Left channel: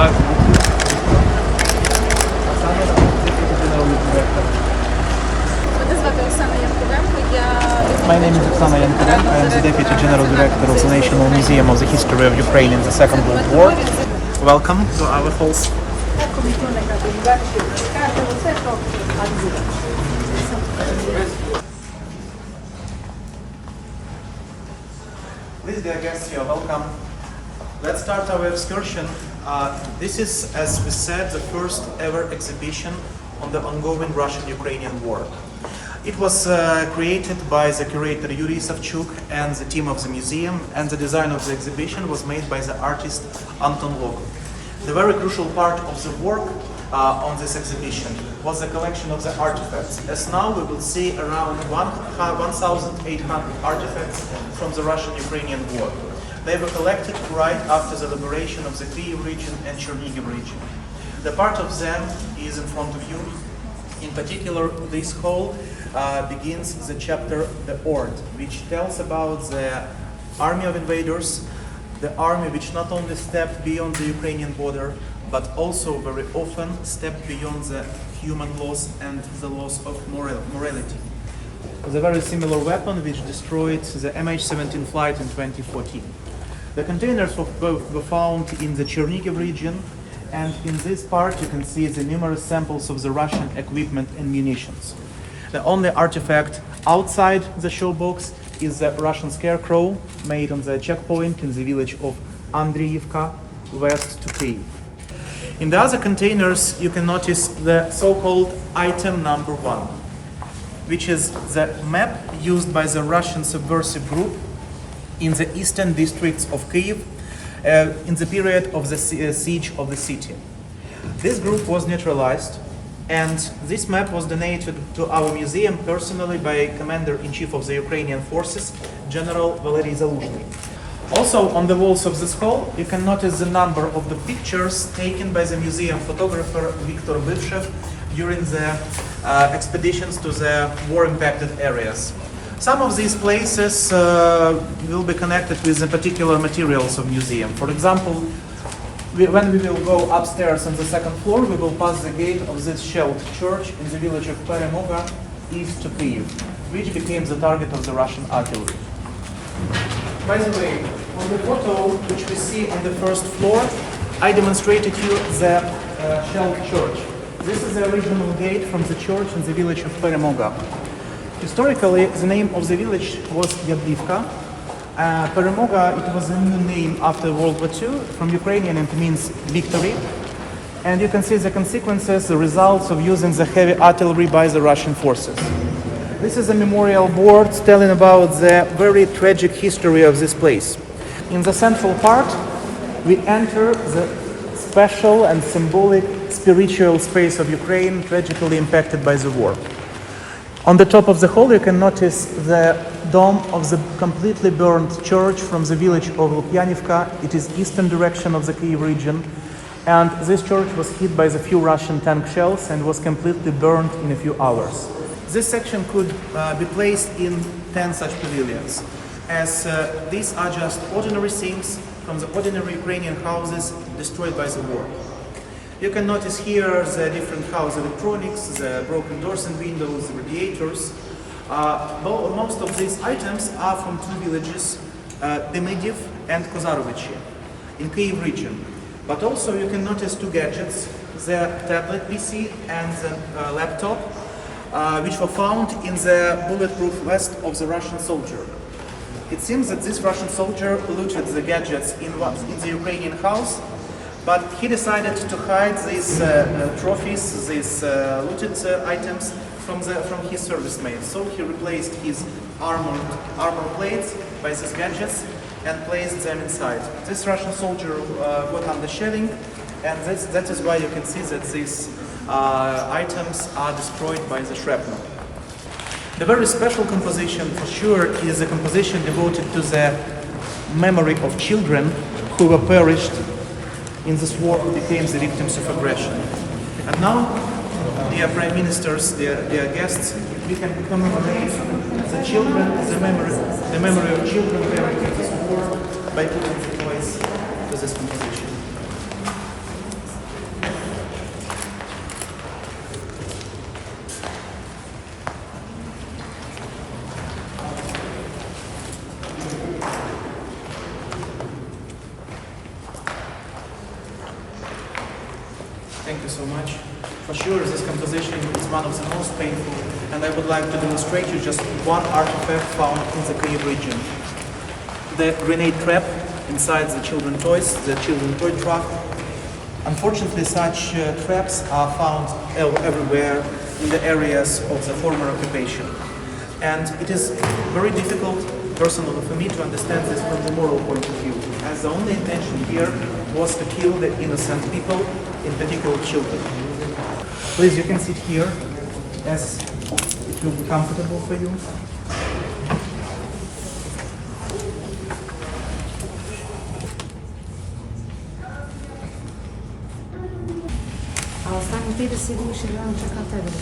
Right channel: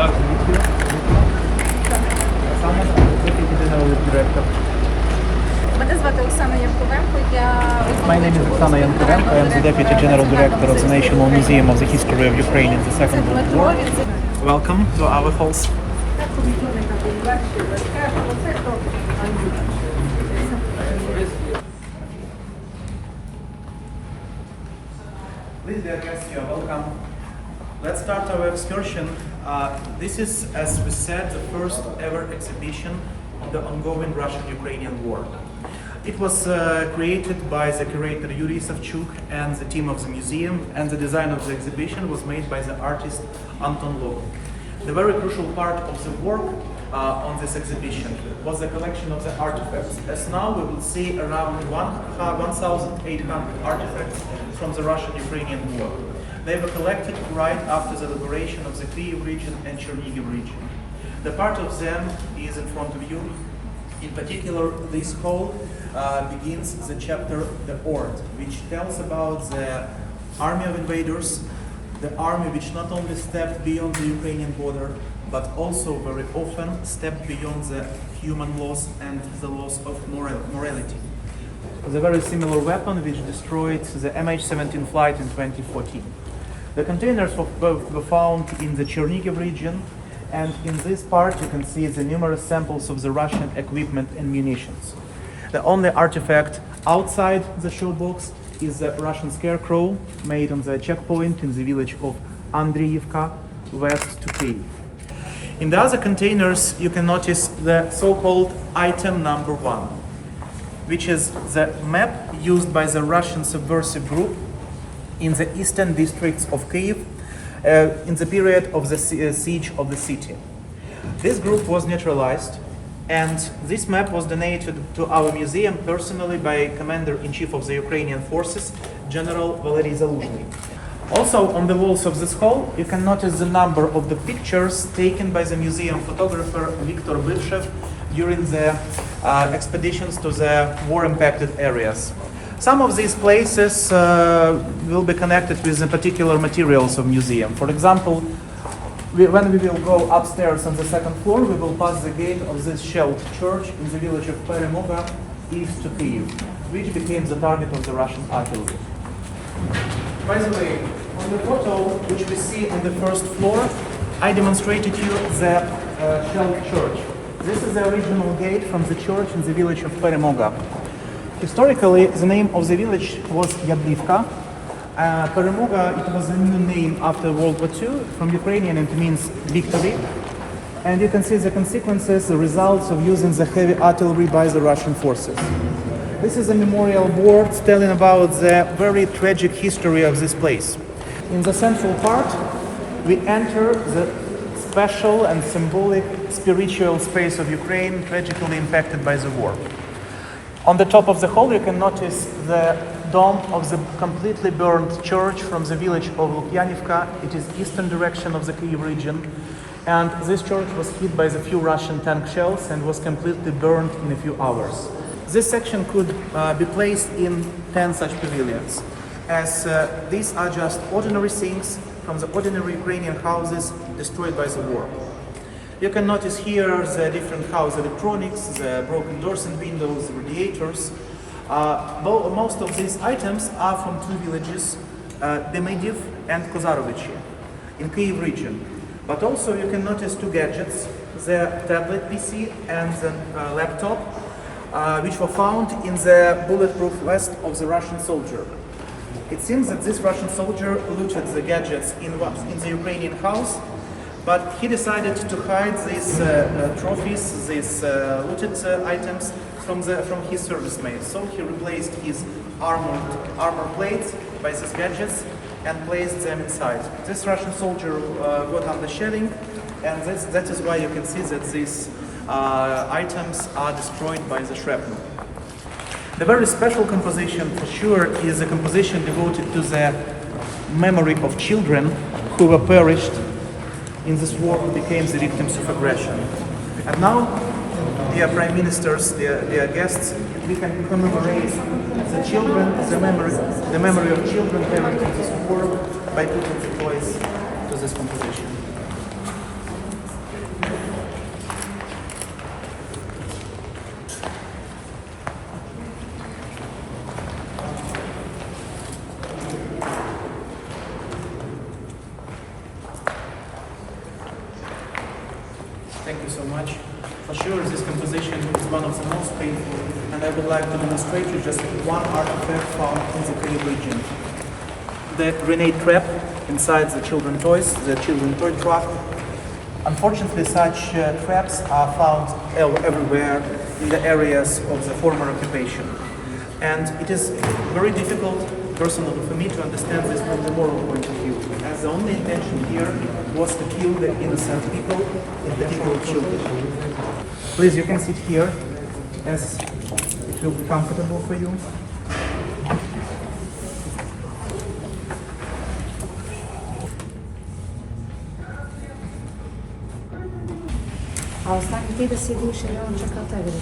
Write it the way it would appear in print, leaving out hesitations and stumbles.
Nice to meet you. Deputy General Director. Мене звати Оксана Янковенко. My name is Oksana Yankovenko. I am the Deputy General Director of the National Museum of the History of Ukraine in the Second World War. Welcome to our halls. Please, dear guests, you are welcome. Let's start our excursion. This is, as we said, the first ever exhibition on the ongoing Russian-Ukrainian war. It was created by the curator Yuri Savchuk and the team of the museum, and the design of the exhibition was made by the artist Anton Logov. The very crucial part of the work on this exhibition was the collection of the artifacts. As now we will see around 1,800 artifacts from the Russian-Ukrainian war. They were collected right after the liberation of the Kievi region and Chernihiv region. The part of them is in front of you. In particular, this hall begins the chapter The Horde, which tells about the army of invaders, the army which not only stepped beyond the Ukrainian border, but also very often stepped beyond the human laws and the laws of morality. The very similar weapon which destroyed the MH17 flight in 2014. The containers were found in the Chernihiv region, and in this part you can see the numerous samples of the Russian equipment and munitions. The only artifact outside the showbox is the Russian scarecrow made on the checkpoint in the village of Andriivka, west to Kiev. In the other containers you can notice the so-called item number 1, which is the map used by the Russian subversive group in the eastern districts of Kiev in the period of the siege of the city. This group was neutralized, and this map was donated to our museum personally by Commander-in-Chief of the Ukrainian Forces, General Valery Zaluzhny. Also on the walls of this hall you can notice the number of the pictures taken by the museum photographer Viktor Bivshev during the expeditions to the war-impacted areas. Some of these places will be connected with the particular materials of museum. For example, when we will go upstairs on the second floor, we will pass the gate of this shelled church in the village of Peremoga, east to Kiev, which became the target of the Russian artillery. By the way, on the photo which we see on the first floor, I demonstrated you the shelled church. This is the original gate from the church in the village of Peremoga. Historically, the name of the village was Yadivka. Peremoga, it was a new name after World War II. From Ukrainian, it means victory. And you can see the consequences, the results of using the heavy artillery by the Russian forces. This is a memorial board telling about the very tragic history of this place. In the central part, we enter the special and symbolic spiritual space of Ukraine, tragically impacted by the war. On the top of the hall you can notice the dome of the completely burned church from the village of Lukyanivka. It is eastern direction of the Kiev region, and this church was hit by the few Russian tank shells and was completely burned in a few hours. This section could be placed in 10 such pavilions, as these are just ordinary things from the ordinary Ukrainian houses destroyed by the war. You can notice here the different house electronics, the broken doors and windows, the radiators. Most of these items are from two villages, Demidov and Kozarovichi, in Kiev region. But also you can notice two gadgets, the tablet PC and the laptop, which were found in the bulletproof vest of the Russian soldier. It seems that this Russian soldier looted the gadgets in the Ukrainian house, but he decided to hide these trophies, these looted items from his service mates. So he replaced his armor plates by these gadgets and placed them inside. This Russian soldier got under shelling, and that is why you can see that these items are destroyed by the shrapnel. The very special composition, for sure, is a composition devoted to the memory of children who were perished in this war, who became the victims of aggression. And now, dear Prime Ministers, dear guests, we can commemorate the children, the memory of children perished in this war by putting the toys to this composition. Thank you so much. For sure, this composition is one of the most painful, and I would like to demonstrate you just one artifact found in the Kiev region. The grenade trap inside the children's toys, the children's toy truck. Unfortunately, such traps are found everywhere in the areas of the former occupation. And it is very difficult, personally for me, to understand this from the moral point of view, as the only intention here was to kill the innocent people, in particular children. Please, you can sit here, as it will be comfortable for you. Ela está com toda a segurança, ela já está até agora.